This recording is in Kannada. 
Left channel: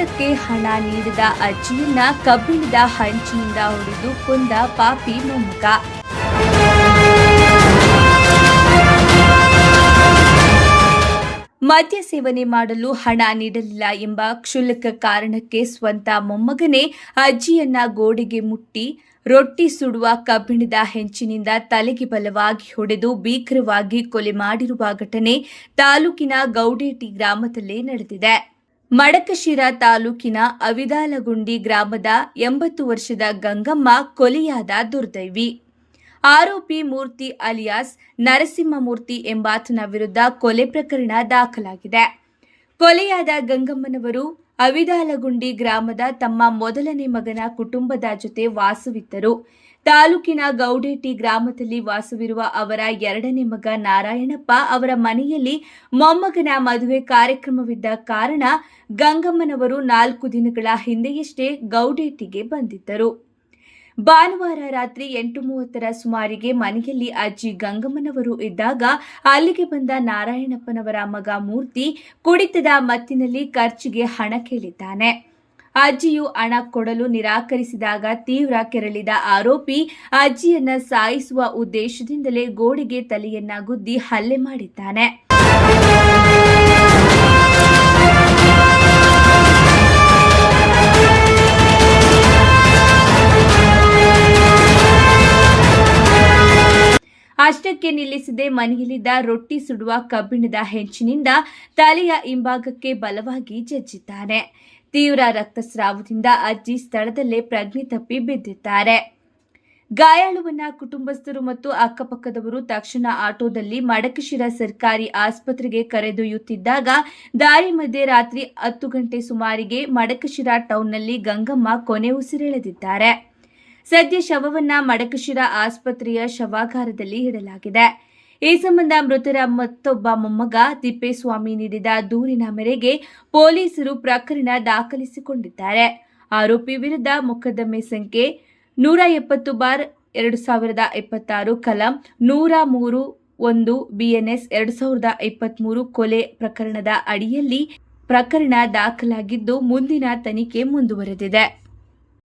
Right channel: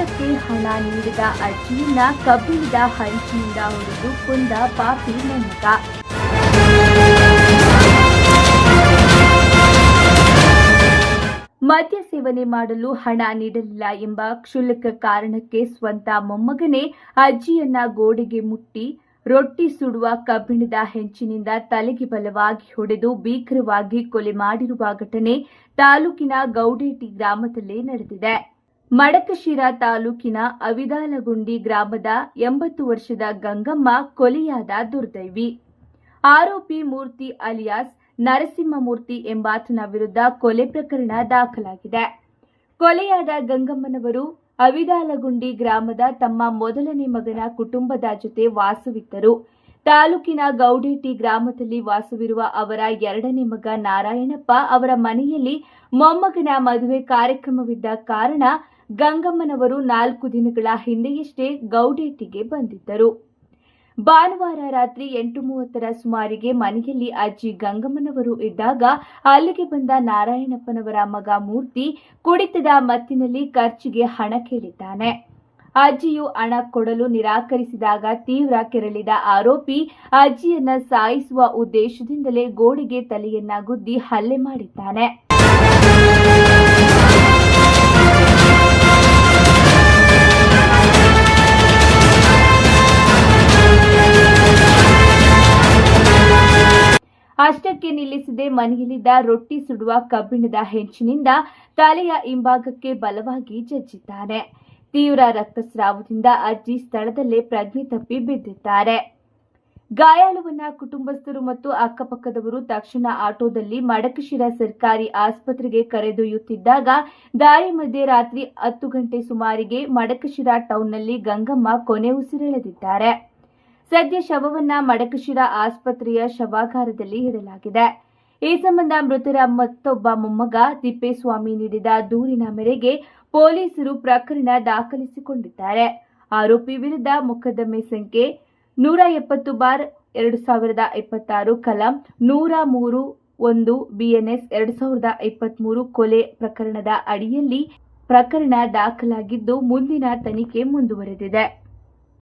ಊಟಕ್ಕೆ ಹಣ ನೀಡಿದ ಅಜ್ಜಿಯನ್ನ ಕಬ್ಬಿಣದ ಹಂಚಿನಿಂದ ಹೊಡೆದು ಕೊಂದ ಪಾಪಿ ಮೊಮ್ಮಗ. ಮದ್ಯ ಸೇವನೆ ಮಾಡಲು ಹಣ ನೀಡಲಿಲ್ಲ ಎಂಬ ಕ್ಷುಲ್ಲಕ ಕಾರಣಕ್ಕೆ ಸ್ವಂತ ಮೊಮ್ಮಗನೇ ಅಜ್ಜಿಯನ್ನ ಗೋಡೆಗೆ ಮುಟ್ಟಿ ರೊಟ್ಟಿ ಸುಡುವ ಕಬ್ಬಿಣದ ಹೆಂಚಿನಿಂದ ತಲೆಗೆ ಬಲವಾಗಿ ಹೊಡೆದು ಭೀಕರವಾಗಿ ಕೊಲೆ ಮಾಡಿರುವ ಘಟನೆ ತಾಲೂಕಿನ ಗೌಡೇಟಿ ಗ್ರಾಮದಲ್ಲೇ ನಡೆದಿದೆ. ಮಡಕಶಿರಾ ತಾಲೂಕಿನ ಅವಿದಾಲಗುಂಡಿ ಗ್ರಾಮದ 80 ವರ್ಷದ ಗಂಗಮ್ಮ ಕೊಲೆಯಾದ ದುರ್ದೈವಿ. ಆರೋಪಿ ಮೂರ್ತಿ ಅಲಿಯಾಸ್ ನರಸಿಂಹಮೂರ್ತಿ ಎಂಬಾತನ ವಿರುದ್ಧ ಕೊಲೆ ಪ್ರಕರಣ ದಾಖಲಾಗಿದೆ. ಕೊಲೆಯಾದ ಗಂಗಮ್ಮನವರು ಅವಿದಾಲಗುಂಡಿ ಗ್ರಾಮದ ತಮ್ಮ ಮೊದಲನೇ ಮಗನ ಕುಟುಂಬದ ಜೊತೆ ವಾಸವಿದ್ದರು. ತಾಲೂಕಿನ ಗೌಡೇಟಿ ಗ್ರಾಮದಲ್ಲಿ ವಾಸವಿರುವ ಅವರ ಎರಡನೇ ಮಗ ನಾರಾಯಣಪ್ಪ ಅವರ ಮನೆಯಲ್ಲಿ ಮೊಮ್ಮಗನ ಮದುವೆ ಕಾರ್ಯಕ್ರಮವಿದ್ದ ಕಾರಣ ಗಂಗಮ್ಮನವರು 4 ದಿನಗಳ ಹಿಂದೆಯಷ್ಟೇ ಗೌಡೇಟಿಗೆ ಬಂದಿದ್ದರು. ಭಾನುವಾರ ರಾತ್ರಿ 8:30ರ ಸುಮಾರಿಗೆ ಮನೆಯಲ್ಲಿ ಅಜ್ಜಿ ಗಂಗಮ್ಮನವರು ಇದ್ದಾಗ ಅಲ್ಲಿಗೆ ಬಂದ ನಾರಾಯಣಪ್ಪನವರ ಮಗ ಮೂರ್ತಿ ಕುಡಿತದ ಮತ್ತಿನಲ್ಲಿ ಖರ್ಚಿಗೆ ಹಣ ಕೇಳಿದ್ದಾನೆ. ಅಜ್ಜಿಯು ಹಣ ಕೊಡಲು ನಿರಾಕರಿಸಿದಾಗ ತೀವ್ರ ಕೆರಳಿದ ಆರೋಪಿ ಅಜ್ಜಿಯನ್ನ ಸಾಯಿಸುವ ಉದ್ದೇಶದಿಂದಲೇ ಗೋಡೆಗೆ ತಲೆಯನ್ನ ಗುದ್ದಿ ಹಲ್ಲೆ ಮಾಡಿದ್ದಾನೆ. ಅಷ್ಟಕ್ಕೆ ನಿಲ್ಲಿಸದೆ ಮನೆಯಲ್ಲಿದ್ದ ರೊಟ್ಟಿ ಸುಡುವ ಕಬ್ಬಿಣದ ಹೆಂಚಿನಿಂದ ತಲೆಯ ಹಿಂಭಾಗಕ್ಕೆ ಬಲವಾಗಿ ಜಜ್ಜಿದ್ದಾನೆ. ತೀವ್ರ ರಕ್ತಸ್ರಾವದಿಂದ ಅಜ್ಜಿ ಸ್ಥಳದಲ್ಲೇ ಪ್ರಜ್ಞೆ ತಪ್ಪಿ ಬಿದ್ದಿದ್ದಾರೆ. ಗಾಯಾಳುವನ್ನ ಕುಟುಂಬಸ್ಥರು ಮತ್ತು ಅಕ್ಕಪಕ್ಕದವರು ತಕ್ಷಣ ಆಟೋದಲ್ಲಿ ಮಡಕಶಿರಾ ಸರ್ಕಾರಿ ಆಸ್ಪತ್ರೆಗೆ ಕರೆದೊಯ್ಯುತ್ತಿದ್ದಾಗ ದಾರಿ ಮಧ್ಯೆ ರಾತ್ರಿ 10 ಗಂಟೆ ಸುಮಾರಿಗೆ ಮಡಕಶಿರಾ ಟೌನ್ನಲ್ಲಿ ಗಂಗಮ್ಮ ಕೊನೆ ಉಸಿರೆಳೆದಿದ್ದಾರೆ. ಸದ್ಯ ಶವವನ್ನ ಮಡಕಶಿರಾ ಆಸ್ಪತ್ರೆಯ ಶವಾಗಾರದಲ್ಲಿ ಇಡಲಾಗಿದೆ. ಈ ಸಂಬಂಧ ಮೃತರ ಮತ್ತೊಬ್ಬ ಮೊಮ್ಮಗ ತಿಪ್ಪೇಸ್ವಾಮಿ ನೀಡಿದ ದೂರಿನ ಮೇರೆಗೆ ಪೊಲೀಸರು ಪ್ರಕರಣ ದಾಖಲಿಸಿಕೊಂಡಿದ್ದಾರೆ. ಆರೋಪಿ ವಿರುದ್ಧ ಮೊಕದ್ದಮೆ ಸಂಖ್ಯೆ 170/2026 ಕಲಂ 103(1) BNS 2023 ಕೊಲೆ ಪ್ರಕರಣದ ಅಡಿಯಲ್ಲಿ ಪ್ರಕರಣ ದಾಖಲಾಗಿದ್ದು ಮುಂದಿನ ತನಿಖೆ ಮುಂದುವರೆದಿದೆ.